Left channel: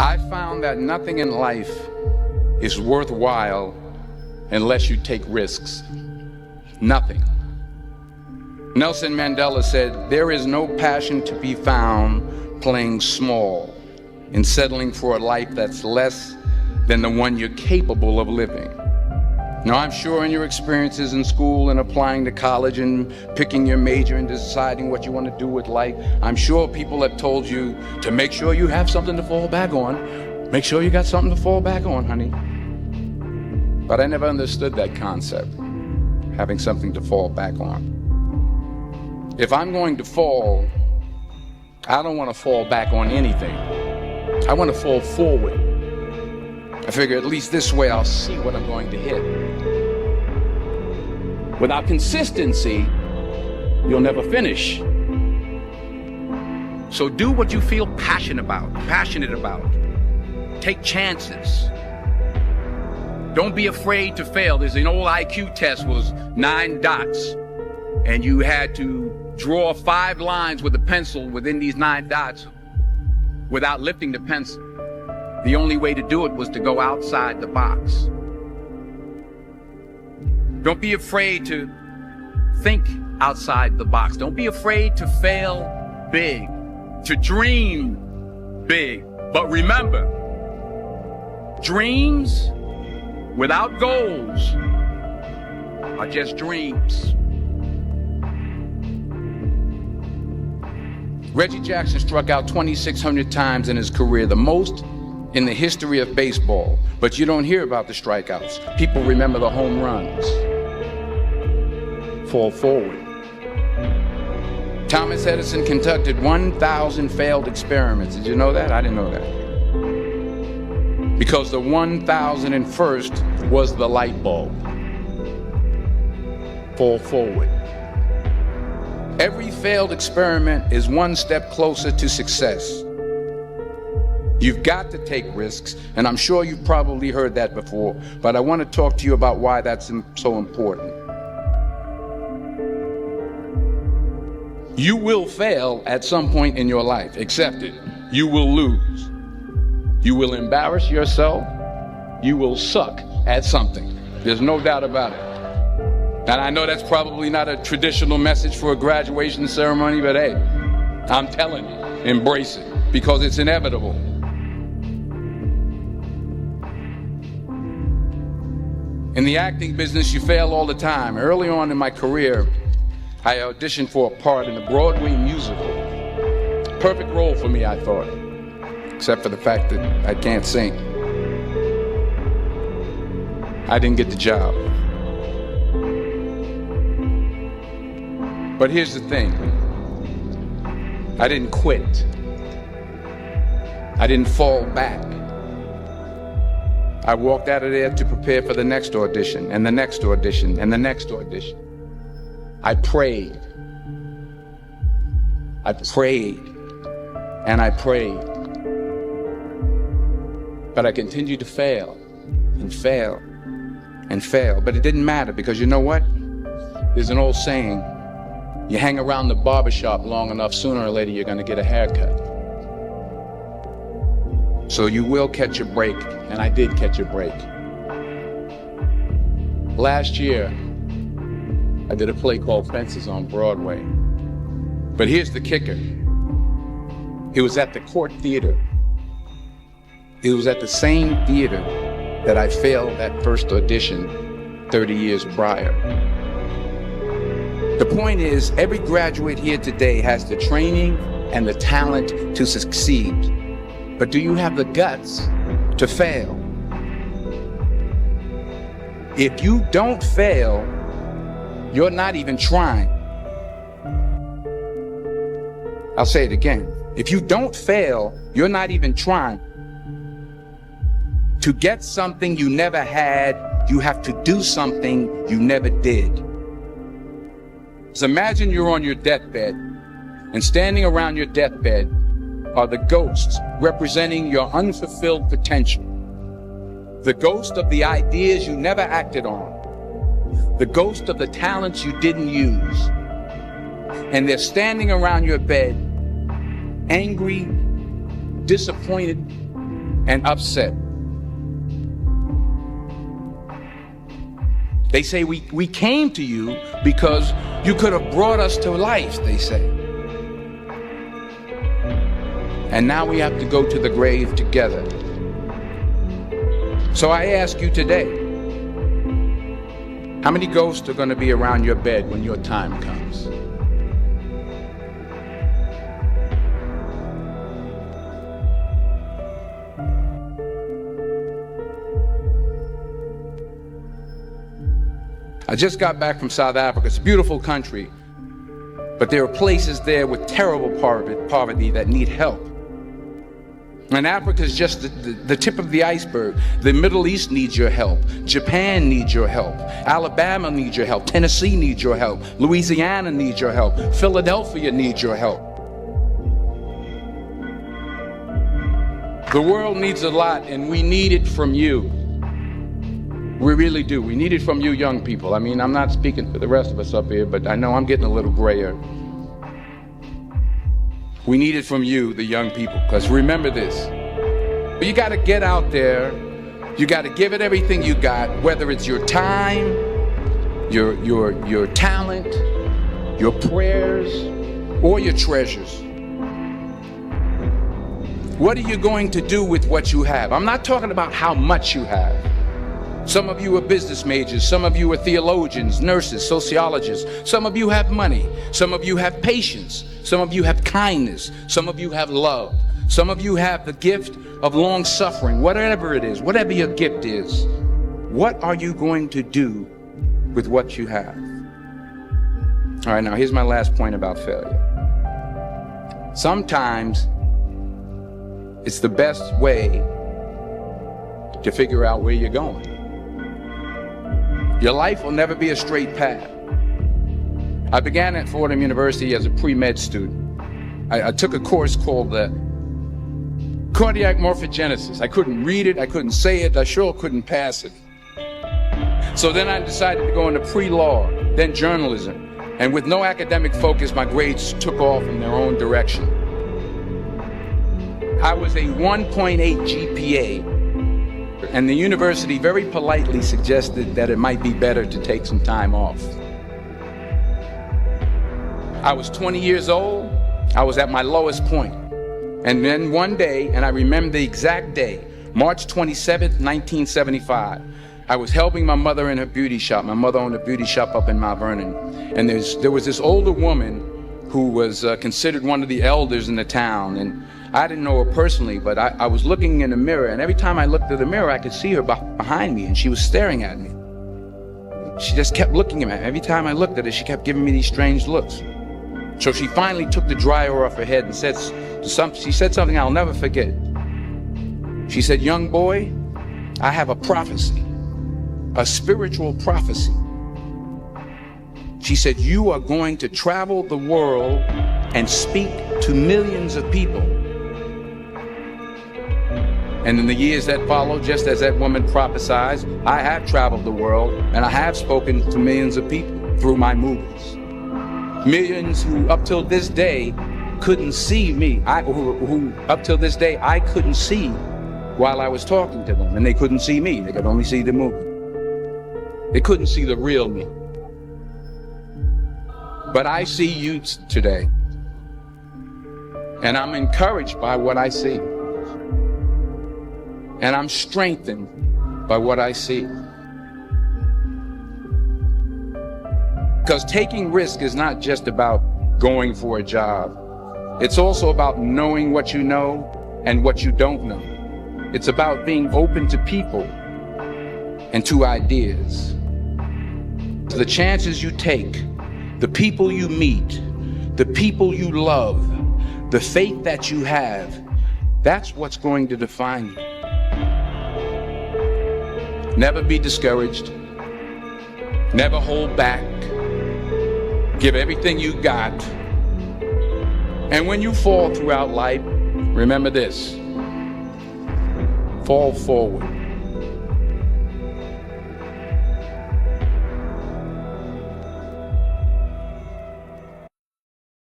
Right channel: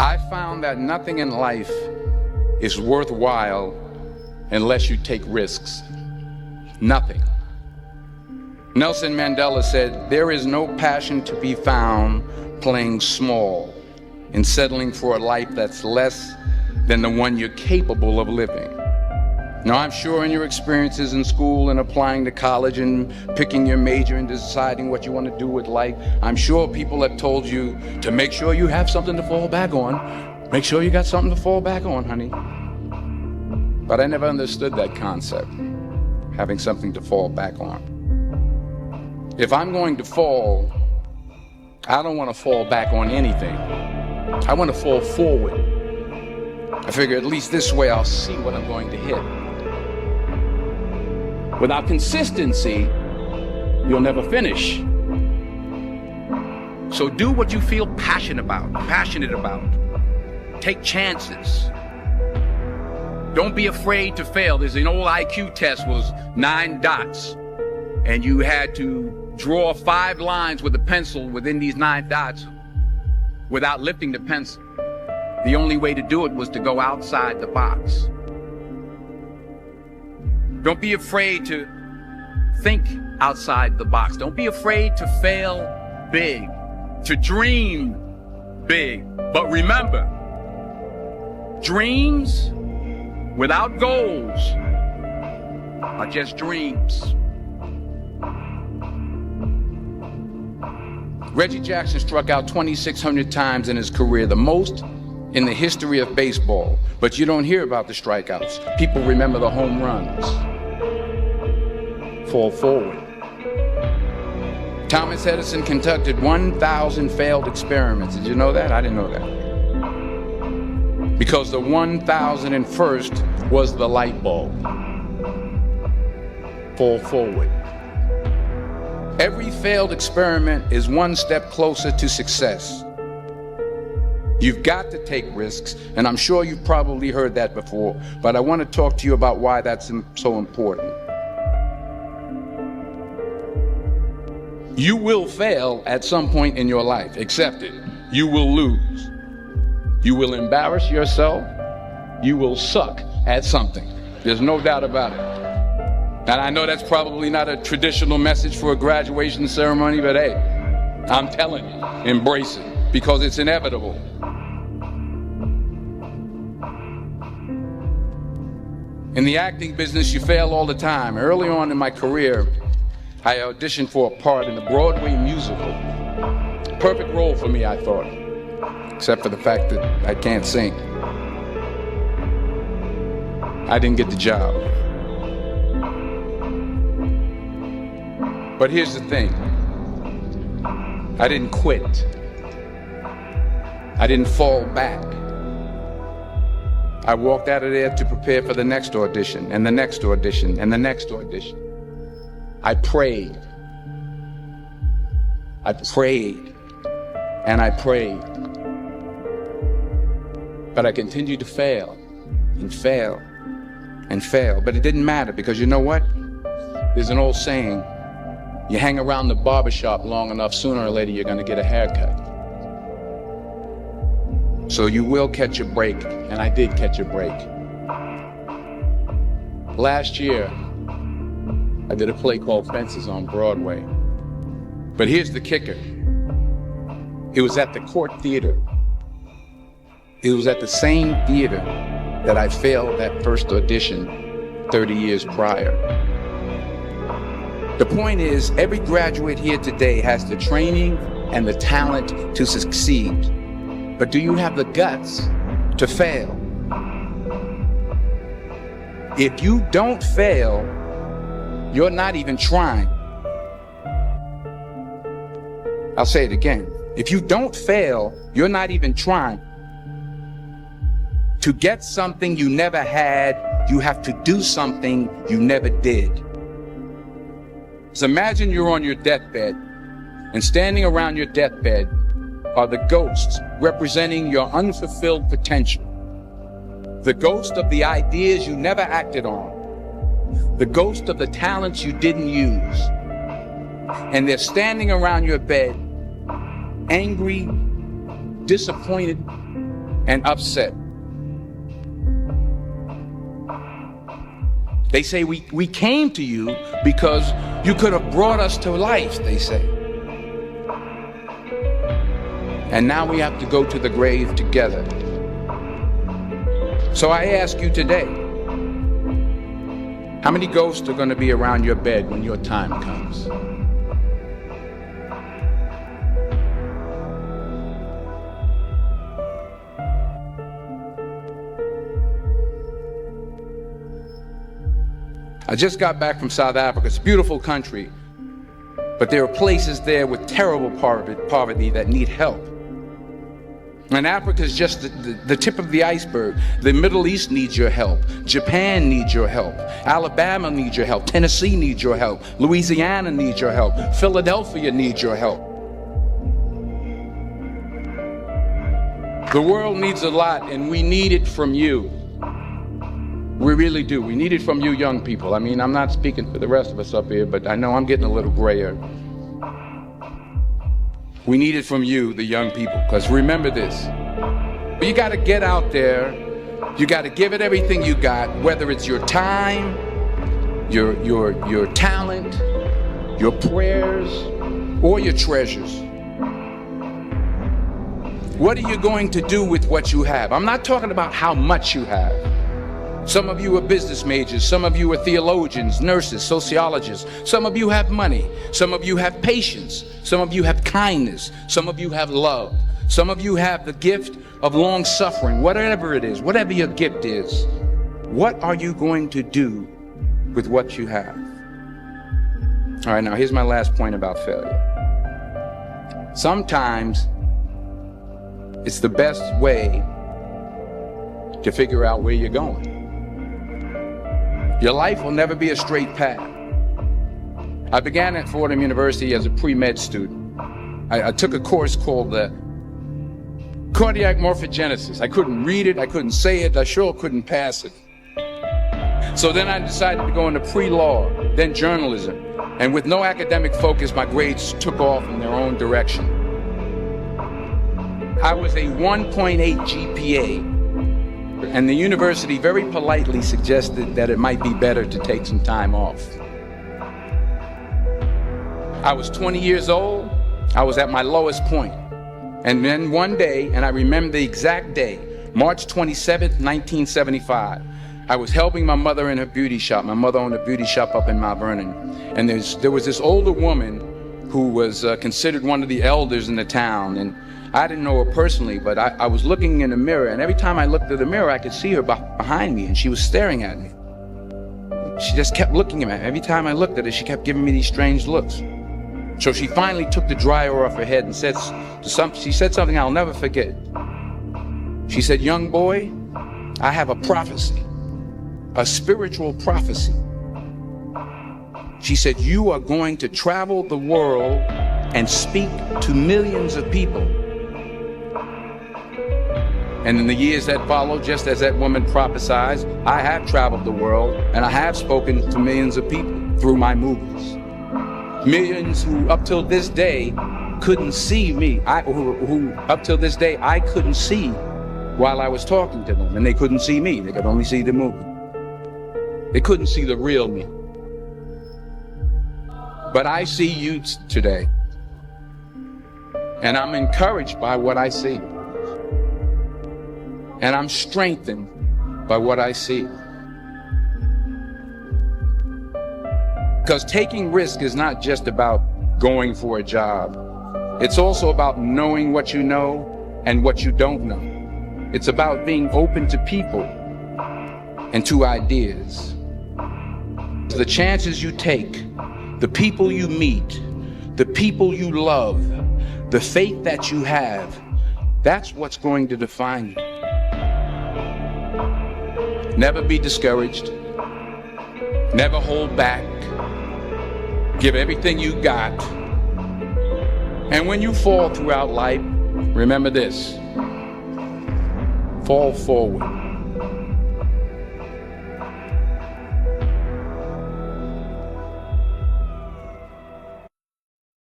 I found that nothing in life is worthwhile unless you take risks. Nothing. Nelson Mandela said, "There is no passion to be found playing small and settling for a life that's less than the one you're capable of living." Now, I'm sure in your experiences in school and applying to college and picking your major and deciding what you want to do with life, I'm sure people have told you to make sure you have something to fall back on. Make sure you got something to fall back on, honey. But I never understood that concept, having something to fall back on. If I'm going to fall, I don't want to fall back on anything. I want to fall forward. I figure at least this way I'll see what I'm going to hit. Without consistency, you'll never finish. So do what you feel passionate about. Take chances. Don't be afraid to fail. There's an old IQ test, was 9 dots, and you had to draw 5 lines with a pencil within these 9 dots without lifting the pencil. The only way to do it was to go outside the box. Don't be afraid to think outside the box. Don't be afraid to fail big, to dream big. But remember, dreams without goals are just dreams. Reggie Jackson struck out 2,600 times in his career, the most in the history of baseball. But you don't hear about the strikeouts. People remember the home runs. Fall forward. Thomas Edison conducted 1,000 failed experiments. Did you know that? I didn't know that. Because the 1,001st was the light bulb. Fall forward. Every failed experiment is one step closer to success. You've got to take risks, and I'm sure you've probably heard that before, but I want to talk to you about why that's so important. You will fail at some point in your life. Accept it. You will lose. You will embarrass yourself. You will suck at something. There's no doubt about it. And I know that's probably not a traditional message for a graduation ceremony, but hey, I'm telling you, embrace it, because it's inevitable. In the acting business, you fail all the time. Early on in my career, I auditioned for a part in a Broadway musical. Perfect role for me, I thought, except for the fact that I can't sing. I didn't get the job. But here's the thing. I didn't quit. I didn't fall back. I walked out of there to prepare for the next audition, and the next audition, and the next audition. I prayed. I prayed. And I prayed. But I continued to fail, and fail, and fail. But it didn't matter, because you know what? There's an old saying, you hang around the barbershop long enough, sooner or later you're going to get a haircut. So you will catch a break, and I did catch a break. Last year, I did a play called Fences on Broadway. But here's the kicker. It was at the Court Theater. It was at the same theater that I failed that first audition 30 years prior. The point is, every graduate here today has the training and the talent to succeed. But do you have the guts to fail? If you don't fail, you're not even trying. I'll say it again. If you don't fail, you're not even trying. To get something you never had, you have to do something you never did. So imagine you're on your deathbed, and standing around your deathbed are the ghosts representing your unfulfilled potential. The ghost of the ideas you never acted on. The ghost of the talents you didn't use. And they're standing around your bed, angry, disappointed, and upset. They say we came to you because you could have brought us to life, they say. And now we have to go to the grave together. So I ask you today, how many ghosts are going to be around your bed when your time comes? I just got back from South Africa. It's a beautiful country, but there are places there with terrible poverty that need help. And Africa is just the tip of the iceberg. The Middle East needs your help. Japan needs your help. Alabama needs your help. Tennessee needs your help. Louisiana needs your help. Philadelphia needs your help. The world needs a lot, and we need it from you. We really do. We need it from you young people. I mean, I'm not speaking for the rest of us up here, but I know I'm getting a little grayer. We need it from you, the young people, because remember this. You got to get out there. You got to give it everything you got, whether it's your time, your talent, your prayers, or your treasures. What are you going to do with what you have? I'm not talking about how much you have. Some of you are business majors. Some of you are theologians, nurses, sociologists. Some of you have money. Some of you have patience. Some of you have kindness. Some of you have love. Some of you have the gift of long suffering. Whatever it is, whatever your gift is, what are you going to do with what you have? All right, now here's my last point about failure. Sometimes it's the best way to figure out where you're going. Your life will never be a straight path. I began at Fordham University as a pre-med student. I took a course called cardiac morphogenesis. I couldn't read it, I couldn't say it, I sure couldn't pass it. So then I decided to go into pre-law, then journalism. And with no academic focus, my grades took off in their own direction. I was a 1.8 GPA. And the university very politely suggested that it might be better to take some time off. I was 20 years old. I was at my lowest point. And then one day, and I remember the exact day, March 27th, 1975, I was helping my mother in her beauty shop. My mother owned a beauty shop up in Mount Vernon. And there was this older woman who was considered one of the elders in the town. And I didn't know her personally, but I was looking in the mirror, and every time I looked at the mirror, I could see her behind me, and she was staring at me. She just kept looking at me. Every time I looked at her, she kept giving me these strange looks. So she finally took the dryer off her head and she said something I'll never forget. She said, "Young boy, I have a prophecy, a spiritual prophecy." She said, "You are going to travel the world and speak to millions of people." And in the years that followed, just as that woman prophesied, I have traveled the world and I have spoken to millions of people through my movies. Millions who up till this day couldn't see me, who up till this day I couldn't see while I was talking to them, and they couldn't see me, they could only see the movie. They couldn't see the real me. But I see you today, and I'm encouraged by what I see. And I'm strengthened by what I see. Because taking risk is not just about going for a job. It's also about knowing what you know and what you don't know. It's about being open to people and to ideas. The chances you take, the people you meet, the people you love, the faith that you have, that's what's going to define you. Never be discouraged. Never hold back. Give everything you got. And when you fall throughout life, remember this: fall forward.